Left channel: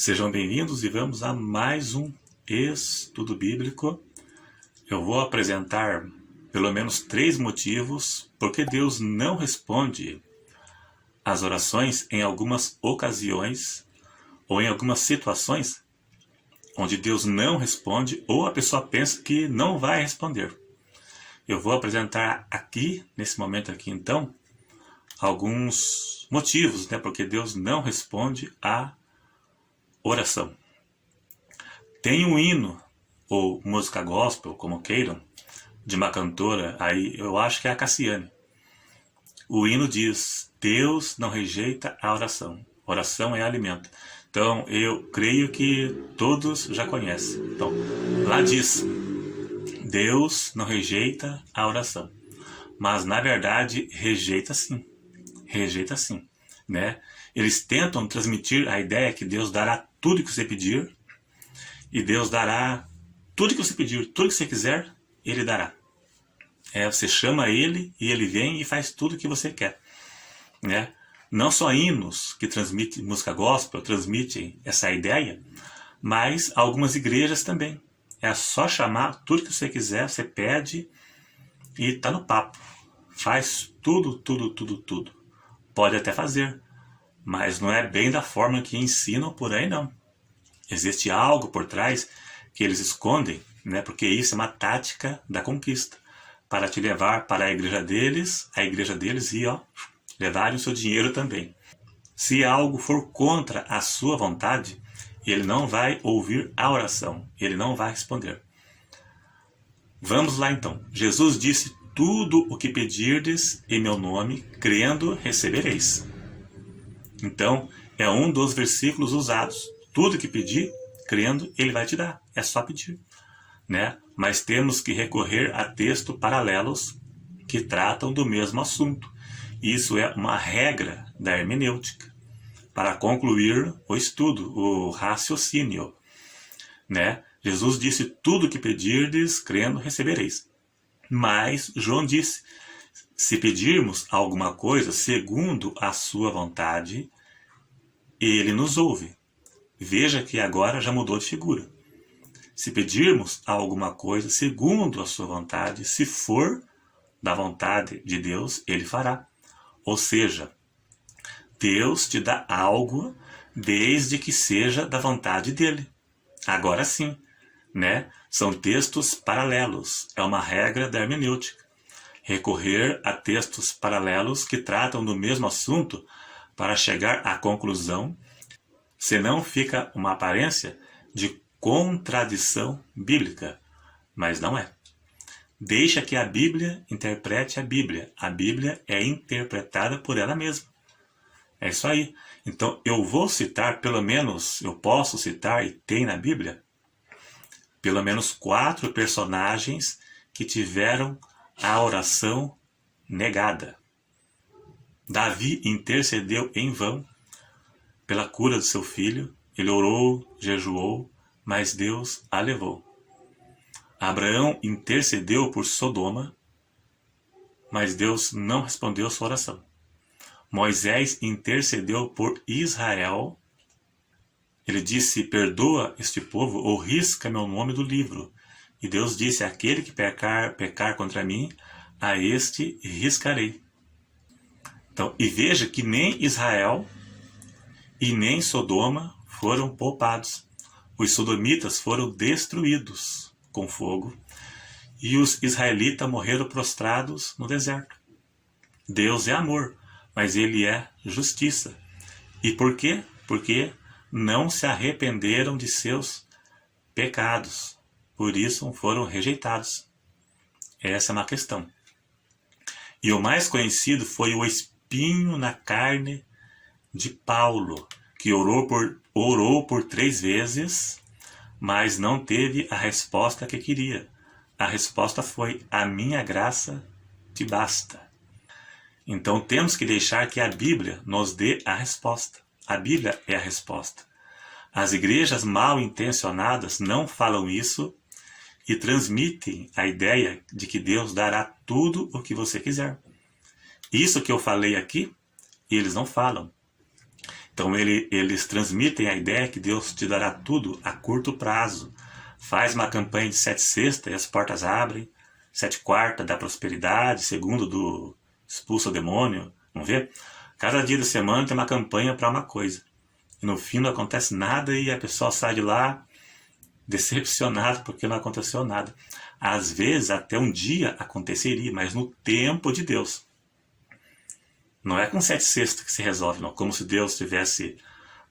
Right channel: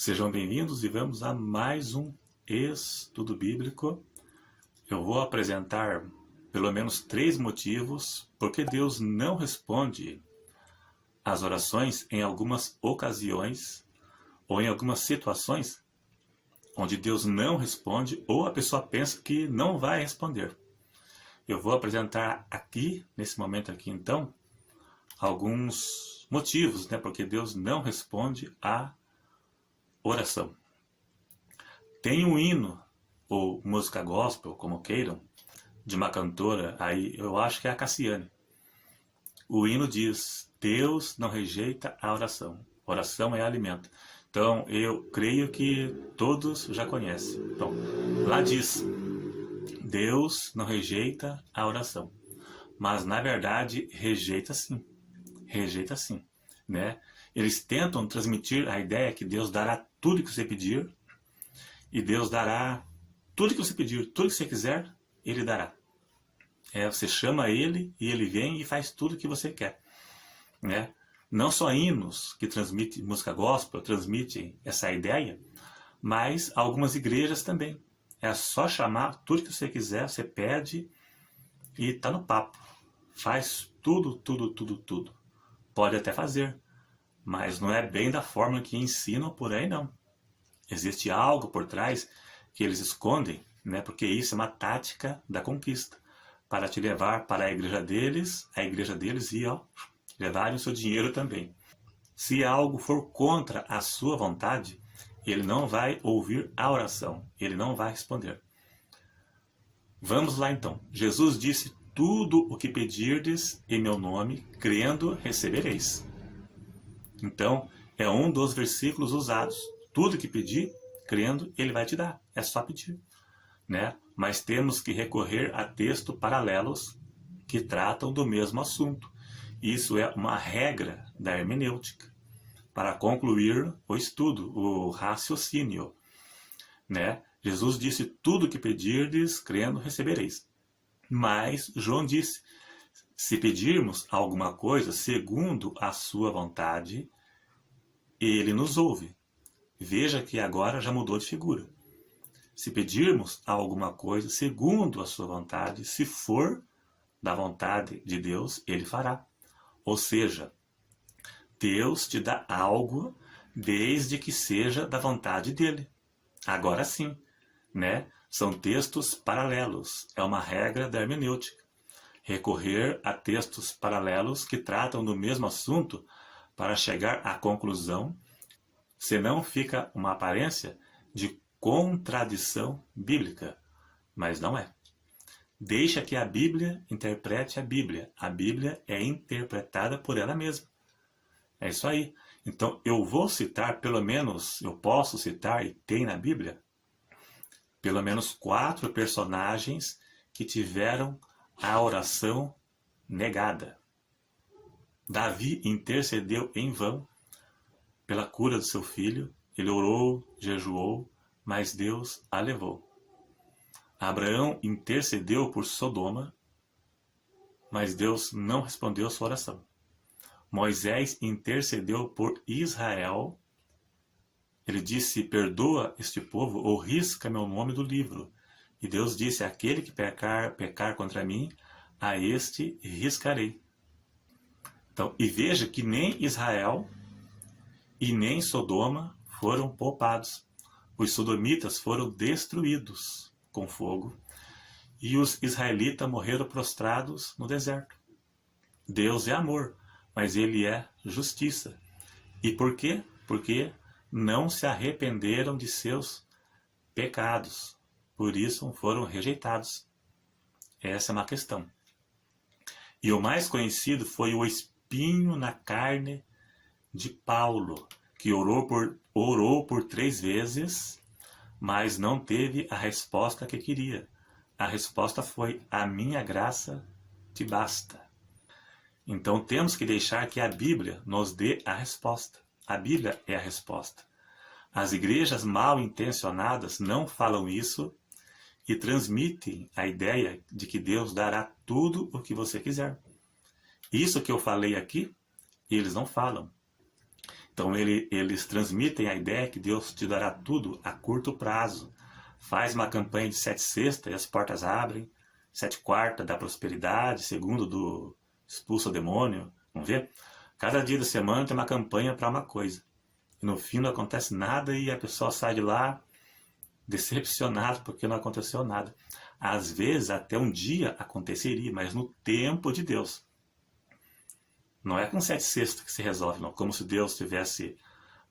Sejam bem-vindos e vamos a mais um estudo bíblico. Eu vou apresentar pelo menos 3 motivos porque Deus não responde às orações em algumas ocasiões ou em algumas situações onde Deus não responde ou a pessoa pensa que não vai responder. Eu vou apresentar aqui, nesse momento aqui então, alguns motivos, porque Deus não responde à oração. Tem um hino, ou música gospel, como queiram, de uma cantora, aí eu acho que é a Cassiane. O hino diz: Deus não rejeita a oração. Oração é alimento. Então, eu creio que todos já conhecem. Então, lá diz: Deus não rejeita a oração. Mas, na verdade, rejeita sim. Rejeita sim, né? Eles tentam transmitir a ideia que Deus dará tudo que você pedir, e Deus dará tudo que você pedir, tudo que você quiser, Ele dará. Você chama Ele e Ele vem e faz tudo o que você quer, né? Não só hinos que transmitem música gospel transmitem essa ideia, mas algumas igrejas também. É só chamar tudo que você quiser, você pede e tá no papo. Faz tudo, tudo, tudo, tudo. Pode até fazer, mas não é bem da forma que ensinam por aí, não. Existe algo por trás que eles escondem, porque isso é uma tática da conquista, para te levar para a igreja deles e levarem o seu dinheiro também. Se algo for contra a sua vontade, ele não vai ouvir a oração, ele não vai responder. Vamos lá então. Jesus disse: tudo o que pedirdes em meu nome, crendo, recebereis. Então, é um dos versículos usados. Tudo que pedir, crendo, ele vai te dar. É só pedir, Mas temos que recorrer a textos paralelos que tratam do mesmo assunto. Isso é uma regra da hermenêutica para concluir o estudo, o raciocínio, Jesus disse: tudo que pedirdes, crendo, recebereis. Mas João disse: se pedirmos alguma coisa segundo a sua vontade, ele nos ouve. Veja que agora já mudou de figura. Se pedirmos alguma coisa segundo a sua vontade, se for da vontade de Deus, ele fará. Ou seja, Deus te dá algo desde que seja da vontade dele. Agora sim, São textos paralelos. É uma regra da hermenêutica. Recorrer a textos paralelos que tratam do mesmo assunto para chegar à conclusão, senão fica uma aparência de contradição bíblica, mas não é. Deixa que a Bíblia interprete a Bíblia. A Bíblia é interpretada por ela mesma. É isso aí. Então eu vou citar, pelo menos, eu posso citar, e tem na Bíblia, pelo menos 4 personagens que tiveram a oração negada. Davi intercedeu em vão pela cura do seu filho. Ele orou, jejuou, mas Deus a levou. Abraão intercedeu por Sodoma, mas Deus não respondeu sua oração. Moisés intercedeu por Israel. Ele disse: perdoa este povo ou risca meu nome do livro. E Deus disse: aquele que pecar contra mim, a este riscarei. Então, e veja que nem Israel e nem Sodoma foram poupados. Os sodomitas foram destruídos com fogo e os israelitas morreram prostrados no deserto. Deus é amor, mas ele é justiça. E por quê? Porque não se arrependeram de seus pecados. Por isso foram rejeitados. Essa é uma questão. E o mais conhecido foi o espinho na carne de Paulo, que orou por 3 vezes, mas não teve a resposta que queria. A resposta foi: a minha graça te basta. Então temos que deixar que a Bíblia nos dê a resposta. A Bíblia é a resposta. As igrejas mal intencionadas não falam isso e transmitem a ideia de que Deus dará tudo o que você quiser. Isso que eu falei aqui, eles não falam. Então eles transmitem a ideia que Deus te dará tudo a curto prazo. Faz uma campanha de 7 sextas e as portas abrem, 7 quartas da prosperidade, segundo do expulsa o demônio, vamos ver? Cada dia da semana tem uma campanha para uma coisa. E no fim não acontece nada e a pessoa sai de lá decepcionada porque não aconteceu nada. Às vezes até um dia aconteceria, mas no tempo de Deus. Não é com 7 sextas que se resolve, não. Como se Deus tivesse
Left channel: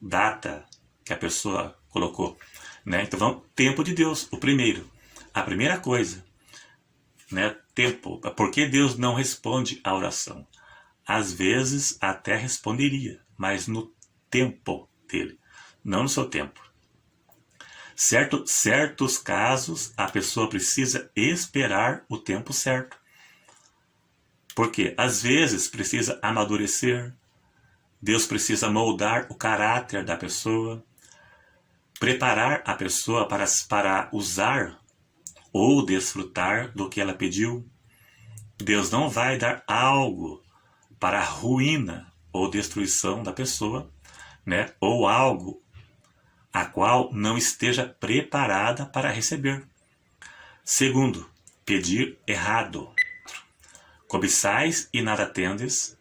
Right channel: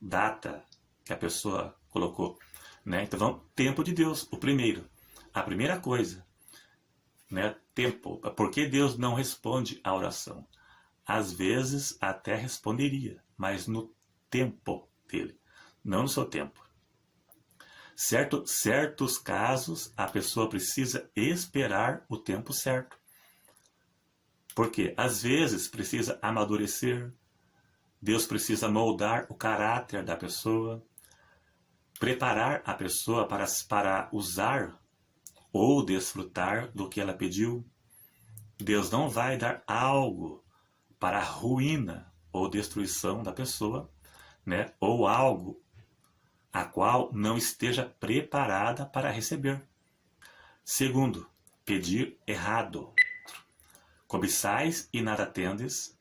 data que a pessoa colocou. Né? Então vamos, tempo de Deus, o primeiro. A primeira coisa, né? Tempo. Por que Deus não responde à oração? Às vezes até responderia, mas no tempo dele, não no seu tempo. Certos casos, a pessoa precisa esperar o tempo certo. Porque às vezes precisa amadurecer, Deus precisa moldar o caráter da pessoa, preparar a pessoa para usar ou desfrutar do que ela pediu. Deus não vai dar algo para a ruína ou destruição da pessoa, né? Ou algo a qual não esteja preparada para receber. Segundo, pedir errado. Cobiçais e nada tendes,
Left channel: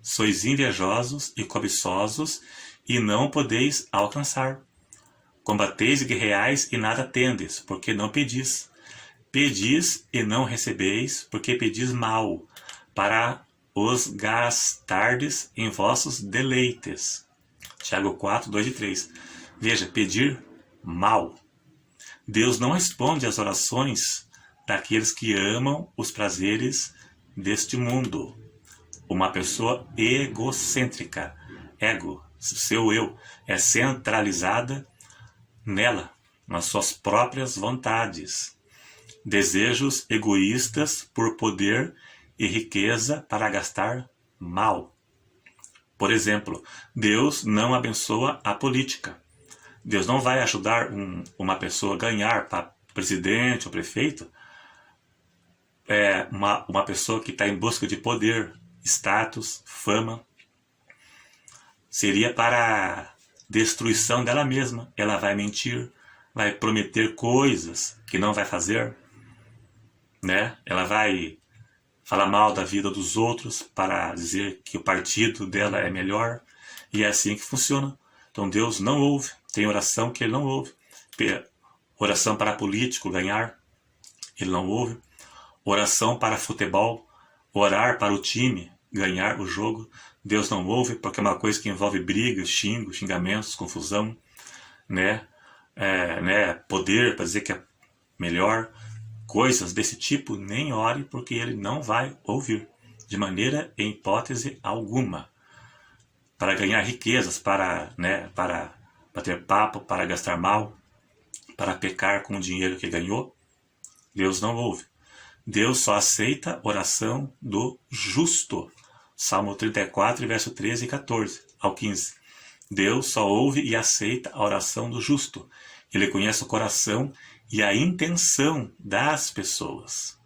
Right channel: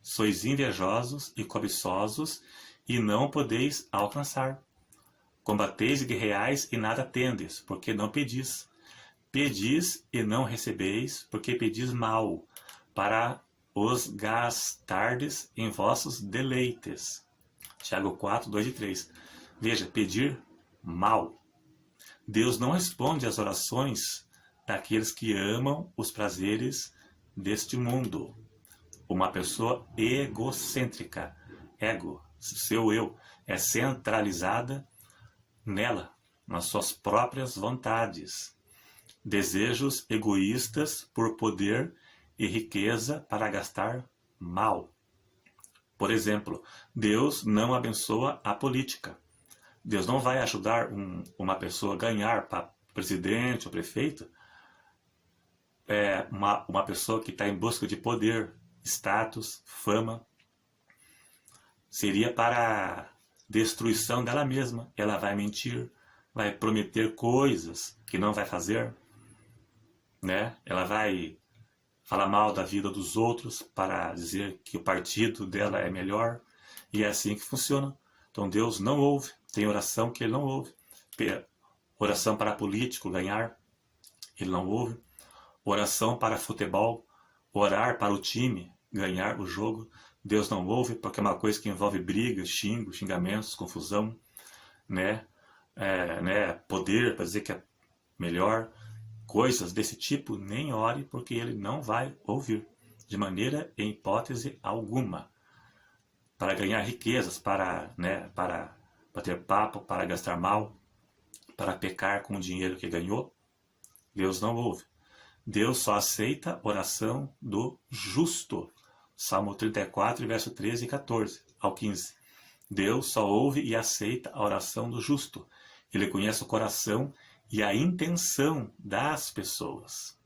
sois invejosos e cobiçosos, e não podeis alcançar. Combateis e guerreais e nada tendes, porque não pedis. Pedis e não recebeis, porque pedis mal, para os gastardes em vossos deleites. Tiago 4, 2 e 3. Veja, pedir mal. Deus não responde às orações daqueles que amam os prazeres deste mundo. Uma pessoa egocêntrica, ego, seu eu, é centralizada nela, nas suas próprias vontades. Desejos egoístas por poder e riqueza para gastar mal. Por exemplo, Deus não abençoa a política. Deus não vai ajudar uma pessoa a ganhar para presidente ou prefeito, uma pessoa que está em busca de poder, status, fama. Seria para a destruição dela mesma. Ela vai mentir, vai prometer coisas que não vai fazer, né? Ela vai falar mal da vida dos outros para dizer que o partido dela é melhor. E é assim que funciona. Então Deus não ouve. Tem oração que ele não ouve. Oração para político ganhar, ele não ouve. Oração para futebol, orar para o time ganhar o jogo, Deus não ouve, porque é uma coisa que envolve brigas, xingamentos, confusão, né? Poder para dizer que é melhor. Coisas desse tipo, nem ore, porque ele não vai ouvir, de maneira e hipótese alguma. Para ganhar riquezas, para bater papo, para gastar mal, para pecar com o dinheiro que ganhou, Deus não ouve. Deus só aceita oração do justo. Salmo 34, verso 13 e 14 ao 15. Deus só ouve e aceita a oração do justo. Ele conhece o coração e a intenção das pessoas.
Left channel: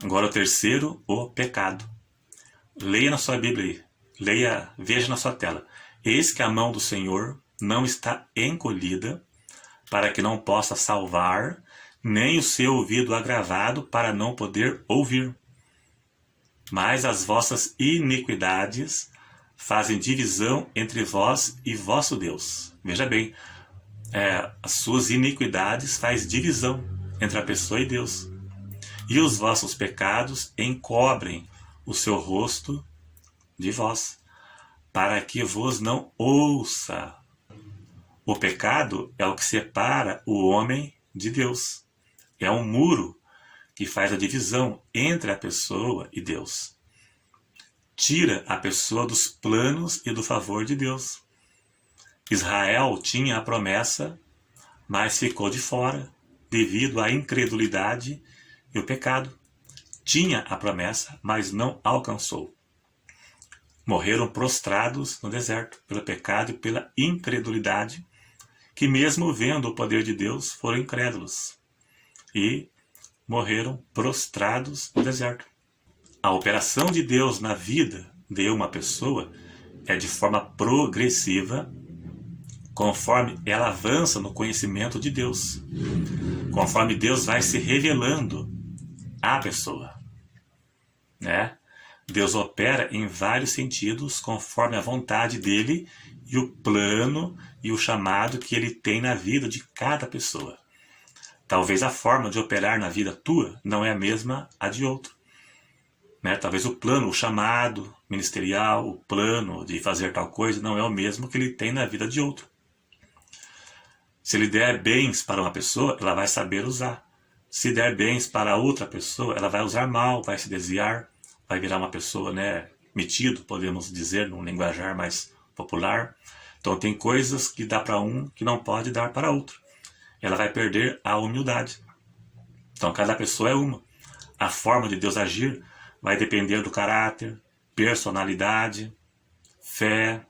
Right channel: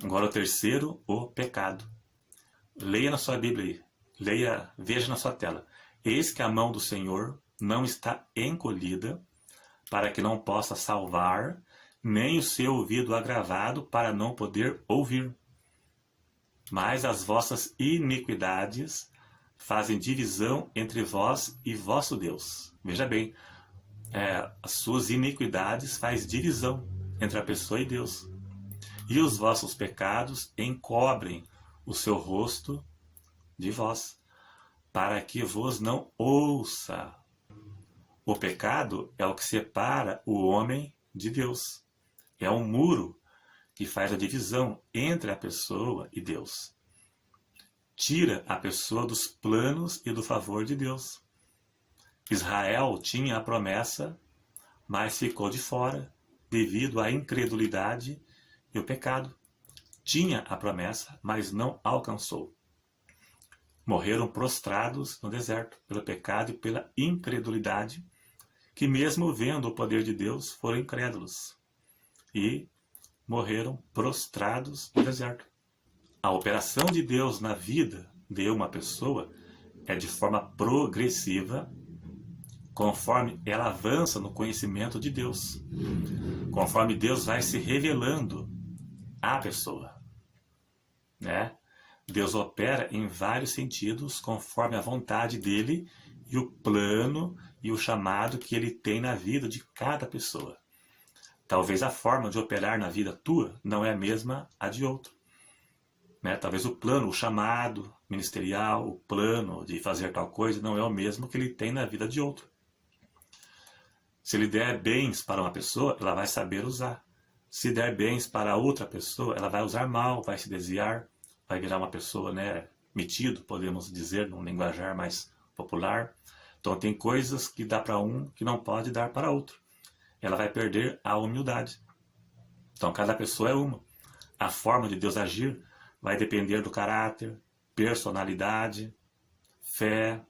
Agora o terceiro, o pecado. Leia na sua Bíblia aí. Veja na sua tela. Eis que a mão do Senhor não está encolhida para que não possa salvar, nem o seu ouvido agravado para não poder ouvir. Mas as vossas iniquidades fazem divisão entre vós e vosso Deus. Veja bem, as suas iniquidades fazem divisão entre a pessoa e Deus. E os vossos pecados encobrem o seu rosto de vós, para que vos não ouça. O pecado é o que separa o homem de Deus. É um muro que faz a divisão entre a pessoa e Deus. Tira a pessoa dos planos e do favor de Deus. Israel tinha a promessa, mas ficou de fora devido à incredulidade e o pecado. Tinha a promessa, mas não alcançou. Morreram prostrados no deserto pelo pecado e pela incredulidade, que mesmo vendo o poder de Deus, foram incrédulos e morreram prostrados no deserto. A operação de Deus na vida de uma pessoa é de forma progressiva, conforme ela avança no conhecimento de Deus, conforme Deus vai se revelando à pessoa, né? Deus opera em vários sentidos, conforme a vontade dele e o plano e o chamado que ele tem na vida de cada pessoa. Talvez a forma de operar na vida tua não é a mesma a de outro, né? Talvez o plano, o chamado ministerial, o plano de fazer tal coisa não é o mesmo que ele tem na vida de outro. Se ele der bens para uma pessoa, ela vai saber usar. Se der bens para outra pessoa, ela vai usar mal, vai se desviar, vai virar uma pessoa, né, metido, podemos dizer, num linguajar mais popular. Então tem coisas que dá para um que não pode dar para outro. Ela vai perder a humildade. Então cada pessoa é uma. A forma de Deus agir vai depender do caráter, personalidade, fé,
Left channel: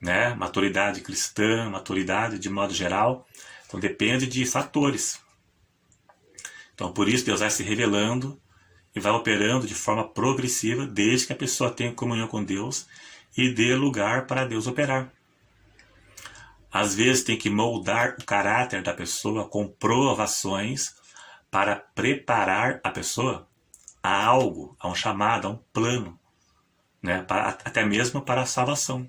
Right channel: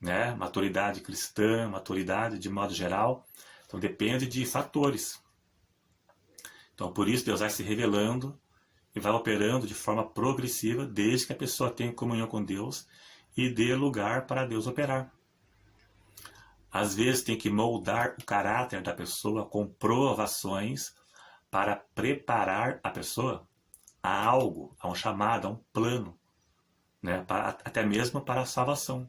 né, maturidade cristã, maturidade de modo geral. Então depende de fatores. Então por isso Deus vai se revelando e vai operando de forma progressiva, desde que a pessoa tenha comunhão com Deus e dê lugar para Deus operar. Às vezes tem que moldar o caráter da pessoa com provações para preparar a pessoa a algo, a um chamado, a um plano, né? Até mesmo para a salvação,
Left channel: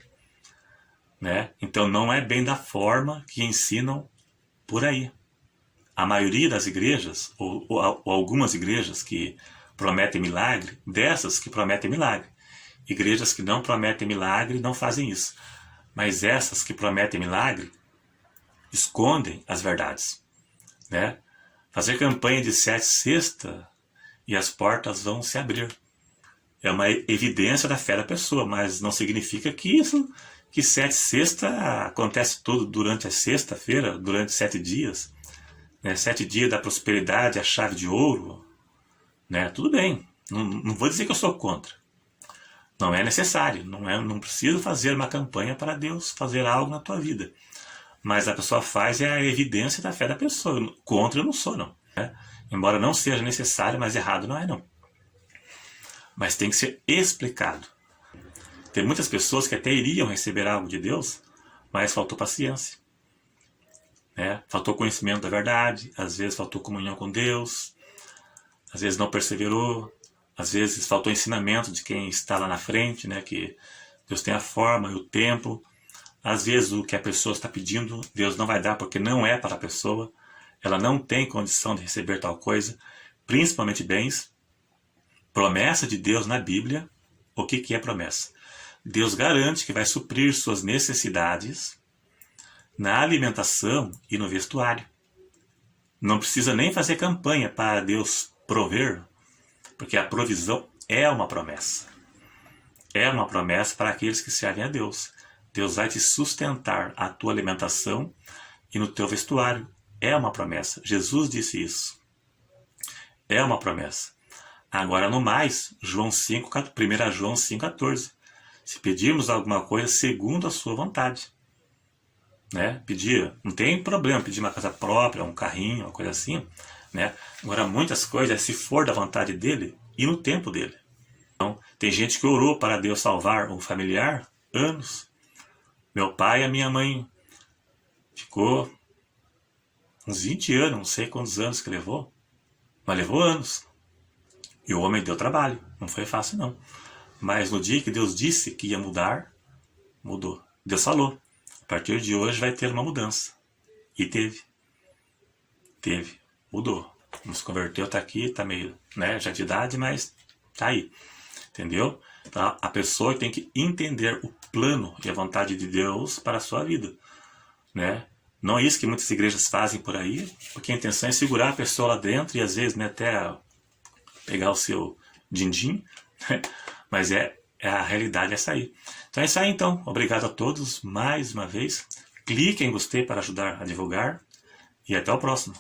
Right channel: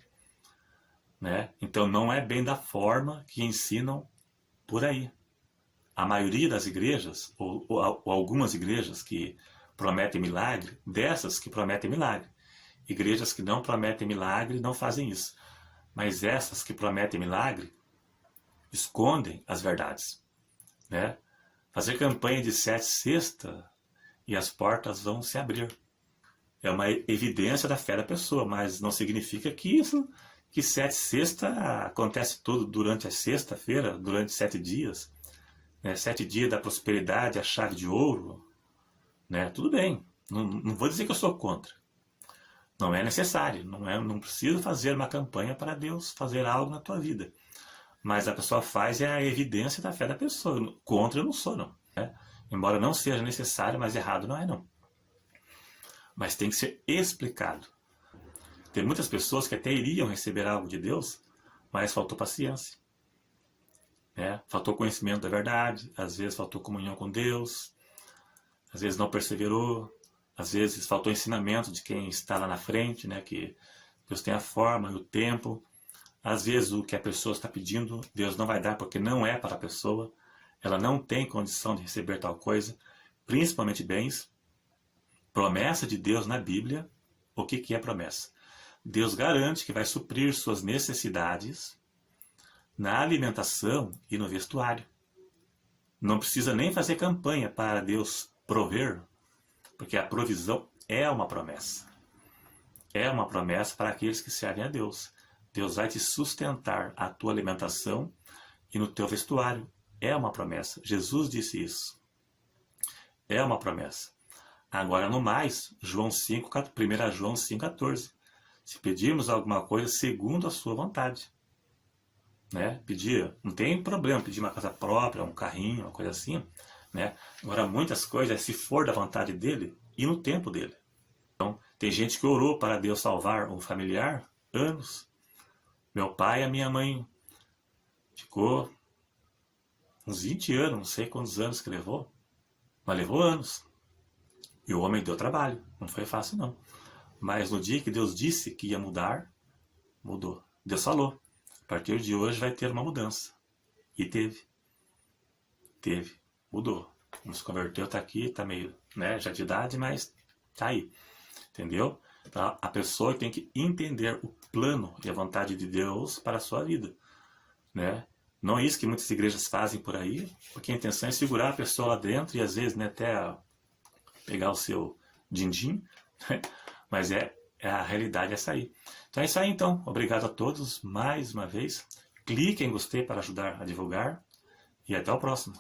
né? Então não é bem da forma que ensinam por aí. A maioria das igrejas, ou algumas igrejas que prometem milagre, dessas que prometem milagre. Igrejas que não prometem milagre não fazem isso. Mas essas que prometem milagre escondem as verdades, né? Fazer campanha de 7 sextas e as portas vão se abrir. É uma evidência da fé da pessoa, mas não significa que 7 sextas acontece tudo durante a sexta-feira, durante 7 dias. Né? 7 dias da prosperidade, a chave de ouro. Né? Tudo bem, não vou dizer que eu sou contra. Não é necessário, não preciso fazer uma campanha para Deus fazer algo na tua vida. Mas a pessoa faz é a evidência da fé da pessoa. Contra eu não sou, não. Né? Embora não seja necessário, mas errado não é, não. Mas tem que ser explicado. Tem muitas pessoas que até iriam receber algo de Deus, mas faltou paciência. Né? Faltou conhecimento da verdade, às vezes faltou comunhão com Deus, às vezes não perseverou, às vezes faltou ensinamento de quem está lá na frente, né? Que Deus tem a forma e o tempo. Às vezes o que a pessoa está pedindo, Deus não vai dar porque não é para a pessoa. Ela não tem condição de receber tal coisa, principalmente bens. Promessa de Deus na Bíblia, o que é promessa? Deus garante que vai suprir suas necessidades na alimentação e no vestuário. Não precisa nem fazer campanha para Deus prover, porque a provisão é uma promessa. É uma promessa para aqueles que servem a Deus. Deus vai te sustentar a tua alimentação e no teu vestuário. É uma promessa. Jesus disse isso. É uma promessa. Agora, no mais, 1 João 5,14. Se pedirmos alguma coisa segundo a sua vontade. Né? Pedir, não tem problema pedir uma casa própria, um carrinho, uma coisa assim. Né? Agora, muitas coisas, se for da vontade dele e no tempo dele. Então, tem gente que orou para Deus salvar um familiar anos. Meu pai e a minha mãe ficou uns 20 anos, não sei quantos anos que levou, mas levou anos. E o homem deu trabalho, não foi fácil não. Mas no dia que Deus disse que ia mudar, mudou. Deus falou, a partir de hoje vai ter uma mudança. E teve. Mudou. Não se converteu, está aqui, está meio, né, já de idade, mas está aí. Entendeu? Então, a pessoa tem que entender o plano e a vontade de Deus para a sua vida. Né? Não é isso que muitas igrejas fazem por aí, porque a intenção é segurar a pessoa lá dentro e às vezes, né, até pegar o seu din-din, né? Mas a realidade é essa aí. Então é isso aí então. Obrigado a todos mais uma vez. Clique em gostei para ajudar a divulgar e até o próximo.